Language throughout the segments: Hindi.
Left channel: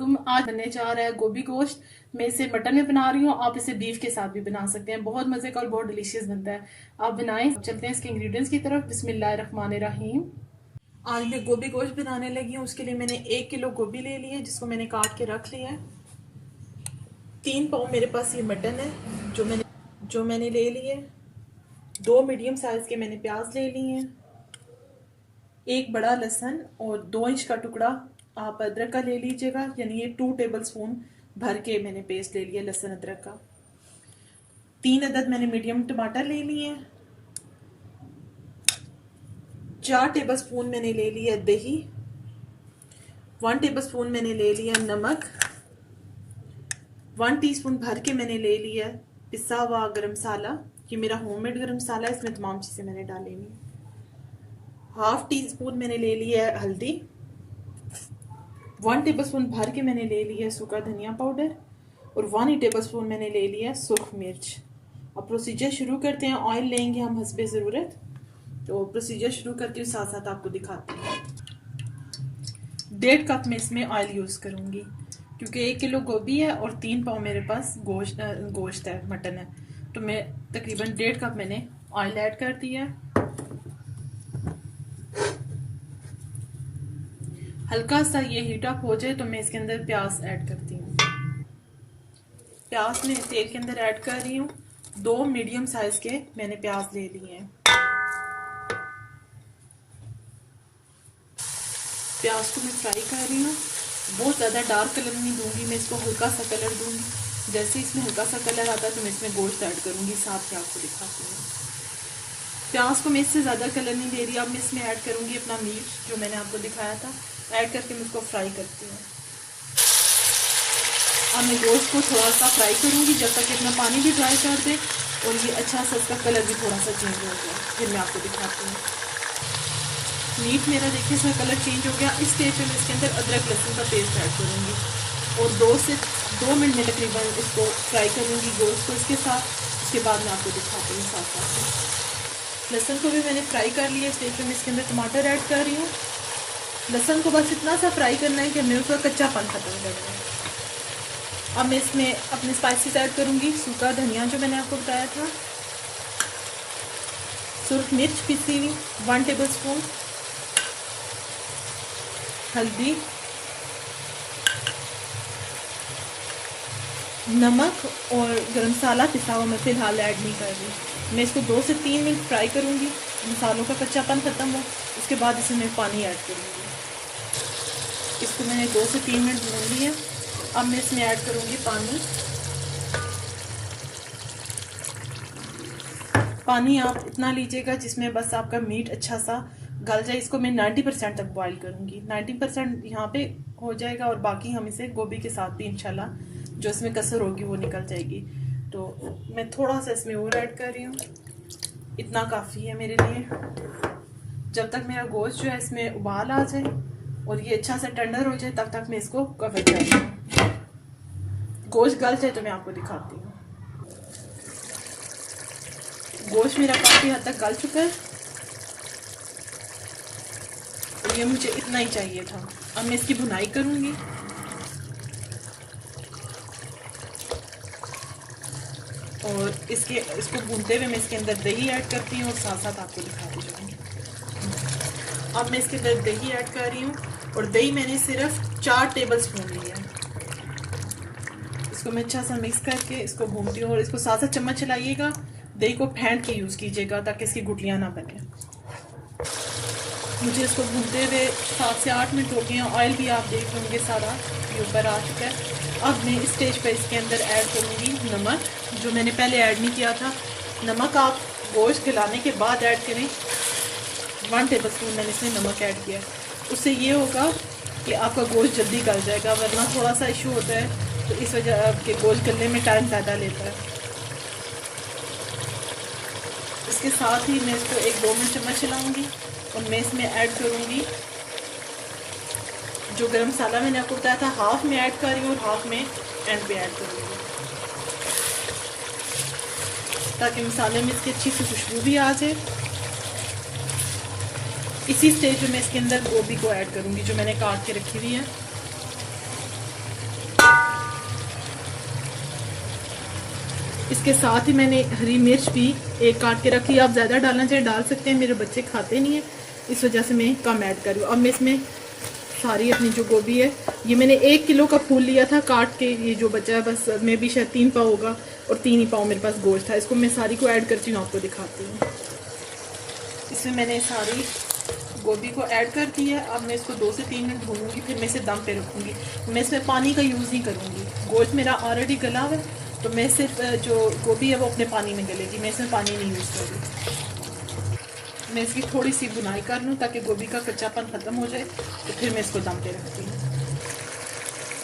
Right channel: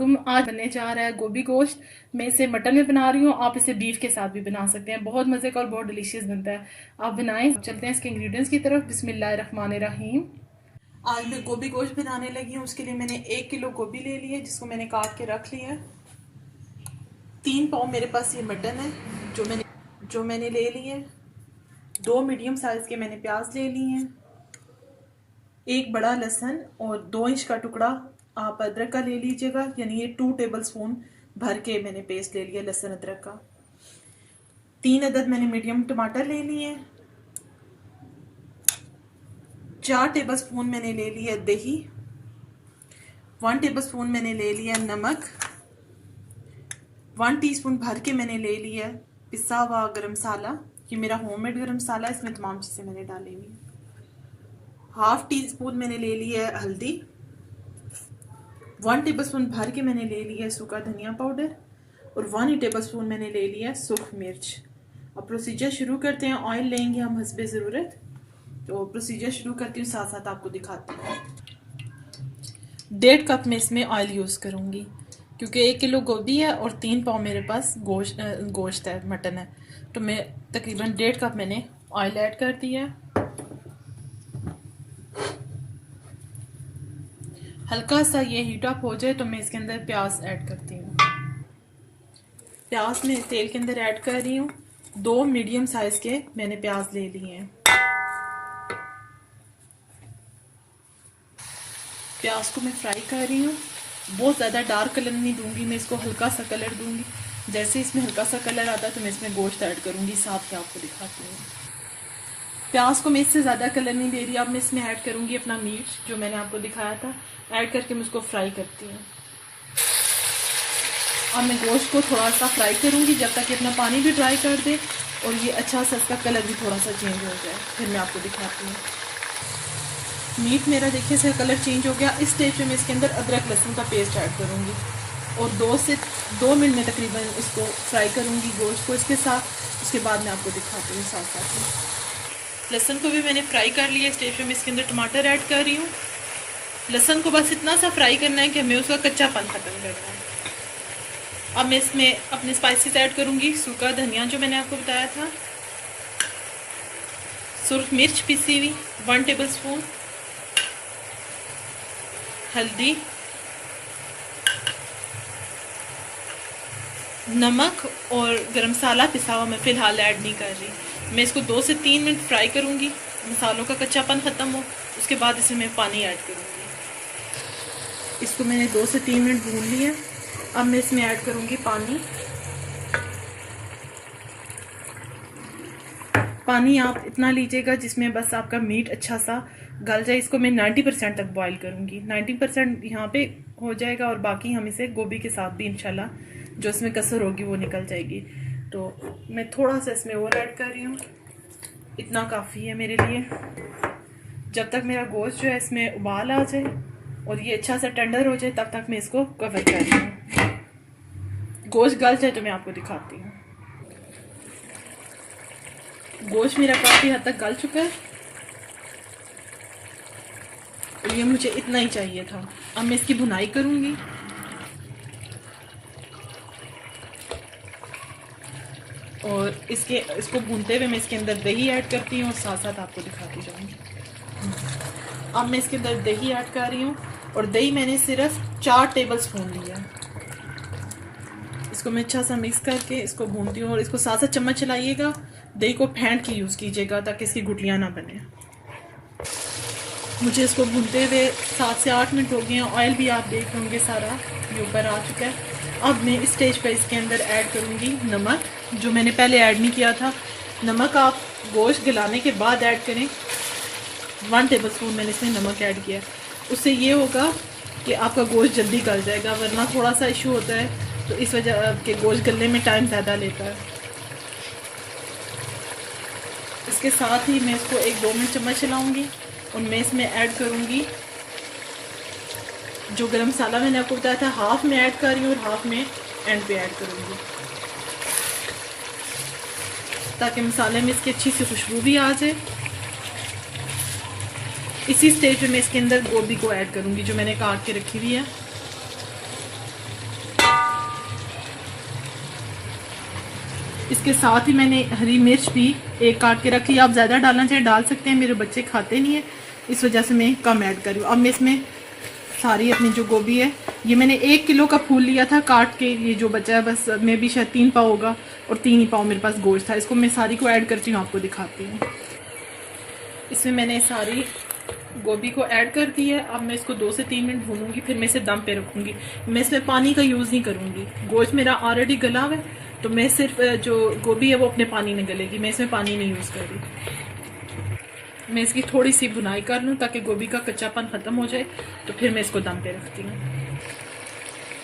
अस्सलामुअलैकुम। आज बनने जा रहा है गोभी गोश्त। मैं इसे मटन में बना रही हूँ, आप इसे बीफ के साथ भी बना सकते हैं। बहुत मज़े का और बहुत डिलीशियस बनता है। आप बनाएं। चलते हैं इसके इंग्रेडिएंट्स की तरफ। बिस्मिल्लाहिर्रहमानिर्रहीम। आज मैं गोभी गोश्त बनाने लगी हूँ। उसके लिए मैंने 1 किलो गोभी ले ली है, जिसको मैंने काट के रख लिया है। 3 पाव मेरे पास ये मटन है जो मैंने ले ली है। 2 मीडियम साइज के मैंने प्याज ले ली हैं। 1 बड़ा लहसुन और 2 इंच का टुकड़ा आप अदरक का ले लीजिएगा, यानी ये 2 टेबल स्पून भर के मैंने पेस्ट ले लिया लहसुन अदरक का। 3 अदद मैंने मीडियम टमाटर ले लिए। 4 टेबल स्पून मैंने ले लिया दही। 1 टेबल स्पून मैंने ले लिया नमक। 1 टीस्पून भर के मैंने ले लिया पिसा हुआ गरम मसाला। ये मेरा होममेड गरम मसाला है, इसमें तमाम चीज़ें मैंने डाली हुई। 1/2 टीस्पून मैंने ले लिया है हल्दी। 1 टेबल स्पून भर के मैंने ले लिया सूखा धनिया पाउडर और 1 ही टेबल स्पून मैंने ले लिया सूख मिर्च। अब प्रोसीजर शुरू करते हैं। ऑयल लेंगे हम हस्बे ज़रूरत। तो प्रोसीजर शुरू करती हूँ, साथ साथ आपको दिखाती हूँ। 1.5 कप में इसमें ऑयल यूज़ करूँगी, क्योंकि 1 किलो गोभी है और 3 पाव मेरे पास गोश्त है, मटन है। तो मैं तकरीबन 1.5 कप मैंने ऑयल ऐड कर दिया है। हल्का सा ये हीट अप हो जाए तो मैं इसके अंदर प्याज ऐड करती हूँ। प्याज मैं तेल के अंदर ऐड कर रही हूँ। 2 मीडियम साइज के मैंने प्याज ले लिए हैं। प्याज को मैं फ्राई कर रही हूँ। बहुत ज़्यादा डार्क कलर नहीं दूंगी, मैं इसको हल्का सा कलर दूंगी। जैसे इसमें हल्का सा कलर आता है तो मैं इसमें गोश्त ऐड करूँगी, साथ ही आपको दिखाती हूँ। प्याज को मैं इससे ज़्यादा कलर नहीं दे रही। अब मैं इसमें ऐड करूँगी अपना मीट जो मैंने आपको दिखाया था। ऐड करके मैं उसको फ्राई करती हूँ। अब मैं गोश्त को थोड़ा सा फ्राई करूँगी जब तक कि अपना पानी भी ड्राई कर दे और ये अच्छा सा इसका कलर भी थोड़ा सा चेंज हो जाए, फिर मैं आपको दिखाती हूँ। मीट मेरा देखिए इसका कलर चेंज हो गया। इस स्टेज पे मैं इसके अंदर अदरक लहसुन का पेस्ट ऐड करूँगी और 2 मिनट में तकरीबन इसको फ्राई करूँगी गोश्त को इसके साथ। उसके बाद मैं आपको दिखाती हूँ साथ साथ में। लहसुन को भी मैंने फ्राई कर लिया। इस स्टेज पे मैं इसके अंदर टमाटर ऐड कर रही हूँ। लहसुन को बस इतना सा फ्राई करना है कि मैं उसका कच्चापन खत्म कर दूँ। अब मैं इसमें अपने स्पाइसेस ऐड करूँगी। सूखा धनिया जो मैंने आपको बताया था, सुर्ख मिर्च पिसी हुई 1 टेबल स्पून, हल्दी, नमक और गरम मसाला पिसा हुआ मैं फिलहाल ऐड नहीं कर रही। मैं इसको 2 से 3 मिनट फ्राई करूँगी, मसालों का कच्चापन खत्म हो। उसके बाद इसमें मैं पानी ऐड करूँगी। इसको मैंने 2 से 3 मिनट भून लिया। अब मैं इसमें ऐड करूँगी पानी। पानी आप इतना लीजिएगा जिसमें बस आपका मीट अच्छा सा गल जाए। इसको मैं 90% तक बॉईल करूँगी। 90% यहाँ पे हो जाएगा और बाकी हम इसे गोभी के साथ भी इंशाल्लाह जो इसमें कसर होगी वो निकल जाएगी। तो मैं थोड़ा सा इसमें और ऐड कर रही हूँ, इतना काफ़ी है मेरे लिए। जब तक मेरा गोश्त जो है इसमें उबाल आ जाए और ये अच्छा सा टेंडर हो जाए तब तक मैं इसको कवर कर रही हूँ। गोश्त गल जाए तो मैं आपको दिखाती हूँ। गोश्त मेरा काफ़ी हद तक गल चुका है। ये मुझे इतना ही चाहिए था। अब मैं इसकी भुनाई करूँगी। और इसको भूनते हुए मैं इसके अंदर दही ऐड करती हूँ और साथ साथ आपको दिखाती जाऊँगी। अब मैं इसके अंदर दही ऐड कर रही हूँ और दही मैंने सिर्फ 4 टेबल स्पून लिया है। इसको मैं अच्छा सा मिक्स करके इसको भूनती हूँ और इसको साथ साथ चम्मच चलाइएगा। दही को फेंट के यूज़ कीजिएगा ताकि इसकी गुठलियाँ ना बने। मुझे इसको भूनते हुए 7 से 8 मिनट हो गए हैं। ऑयल भी आप देख होंगे सारा ये ऊपर आ चुका है। अब मैं इस स्टेज पर इसके अंदर ऐड करूँगी नमक, जो मैंने पहले ऐड नहीं किया था। नमक आप गोश्त गलाने के बाद ऐड करें। 1 टेबल स्पून मैंने इसमें नमक ऐड किया। उससे ये होगा कि आपका गोश्त जल्दी गल जाएगा, वरना थोड़ा सा इशू होता है तो इस वजह के गोश्त गलने में टाइम ज़्यादा लेता है। इसके साथ ही मैं इसको 1-2 मिनट चम्मच चलाऊँगी और मैं इसमें ऐड करूँगी जो गरम मसाला मैंने आपको बताया था। हाफ में ऐड कर रही हूँ और हाफ में एंड पे ऐड करूँगी ताकि मसाले में इसकी अच्छी सी खुशबू भी आ जाए। इसी स्टेज में मैं इसके अंदर गोभी को ऐड करूँगी जो मैंने काट के रखी हुई है। इसके साथ ही मैंने हरी मिर्च भी एक काट के रखी। आप ज़्यादा डालना चाहे डाल सकते हैं, मेरे बच्चे खाते नहीं है इस वजह से मैं कम ऐड कर रही हूँ। अब मैं इसमें सारी अपनी जो गोभी है, ये मैंने 1 किलो का फूल लिया था काट के, ये जो बचा है बस मैं भी शायद 3 पाव होगा और 3 ही पाव मेरे पास गोश्त था। इसको मैं सारी को ऐड करती हूँ, आपको दिखाती हूँ। इसमें मैंने सारी गोभी को ऐड कर दी है। अब मैं इसको 2 से 3 मिनट भूनूंगी, फिर मैं इसे दम पे रखूँगी। मैं इसमें पानी का यूज़ नहीं करूँगी, गोश्त मेरा ऑलरेडी गला हुआ है, तो मैं सिर्फ जो गोभी है वो अपने पानी में गलेगी, मैं इसमें पानी नहीं यूज़ कर रही। मैं इसकी थोड़ी सी भुनाई कर लूँ ताकि गोभी का कच्चापन ख़त्म हो जाए, तो फिर मैं इसको दम पे रखती हूँ।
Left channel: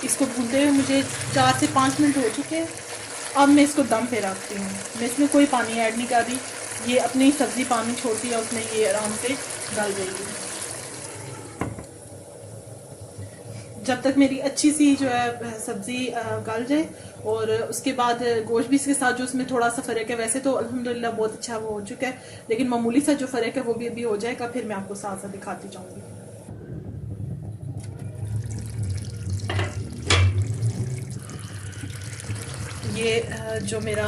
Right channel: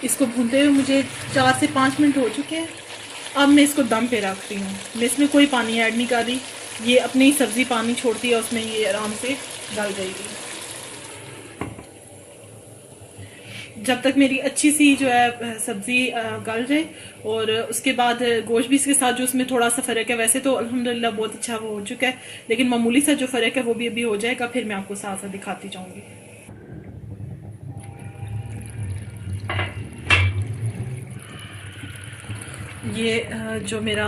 इसको भूनते हुए मुझे 4 से 5 मिनट हो चुके हैं। अब मैं इसको दम पे रखती हूँ, मैं इसमें कोई पानी ऐड नहीं कर रही, ये अपनी ही सब्ज़ी पानी छोड़ती है, उसमें ये आराम से गल जाएगी। जब तक मेरी अच्छी सी जो है सब्ज़ी गल जाए, और उसके बाद गोश्त भी इसके साथ जो उसमें थोड़ा सा फ़र्क है, वैसे तो अल्हम्दुलिल्लाह बहुत अच्छा वो हो चुका है, लेकिन मामूली सा जो फ़र्क है वो भी अभी हो जाएगा, फिर मैं आपको साथ साथ दिखाती जाऊँगी। ये जो मेरा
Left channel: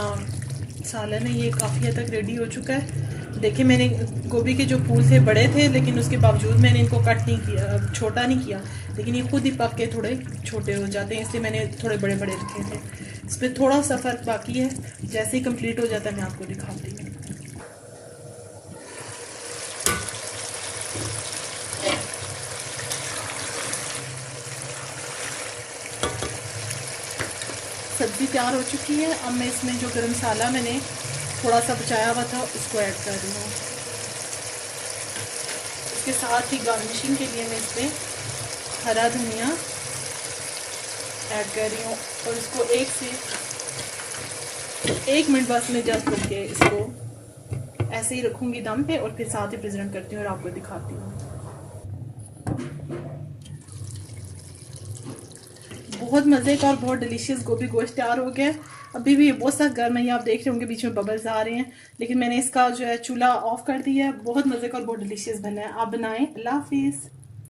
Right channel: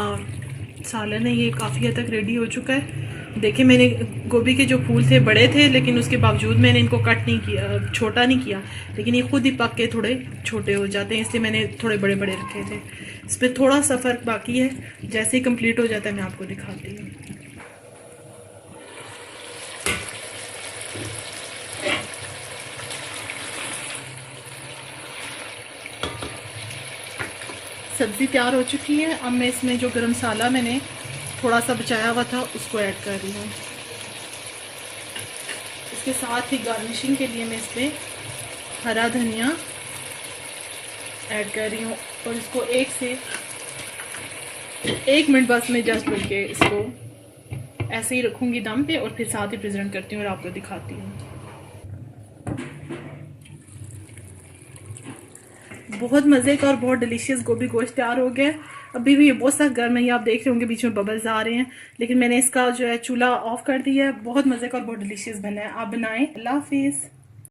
सालन है ये काफ़ी हद तक रेडी हो चुका है। देखिए मैंने गोभी के जो फूल थे बड़े थे, लेकिन उसके बावजूद मैंने इनको कट नहीं किया, छोटा नहीं किया, लेकिन ये खुद ही पक के थोड़े छोटे हो जाते हैं, इसलिए मैंने थोड़े बड़े बड़े रखे थे। इस पर थोड़ा सा फ़र्क बाकी है, जैसे ही कंप्लीट हो जाता है मैं आपको दिखाती हूँ। सब्ज़ी तैयार हो चुकी है। अब मैं इसमें जो गरम मसाला मैंने थोड़ा सा बचाया हुआ था उसको ऐड कर रही हूँ। इसके साथ ही गार्निशिंग के लिए मैं इसमें हरा धनिया ऐड कर रही हूँ, और इसको 1 से 1 मिनट बस मैं जस्ट बल्कि इसको ऐसे ही रखूँगी दम पे, और फिर साथ ही प्रेजेंट करती हूँ और आपको दिखाती हूँ। बहुत मज़े का और बहुत डिलीशियस गोभी गोश्त तैयार हो गया है। अभी भी ये बहुत सा गर्म है, ये आप देख रहे होंगे बीच में बबल्स आ रहे हैं, लेकिन मैंने इसका जो है चूल्हा ऑफ कर दिया है। बहुत मज़े का और बहुत डिलीशियस बना है, आप बनाएं। अल्लाह हाफिज़।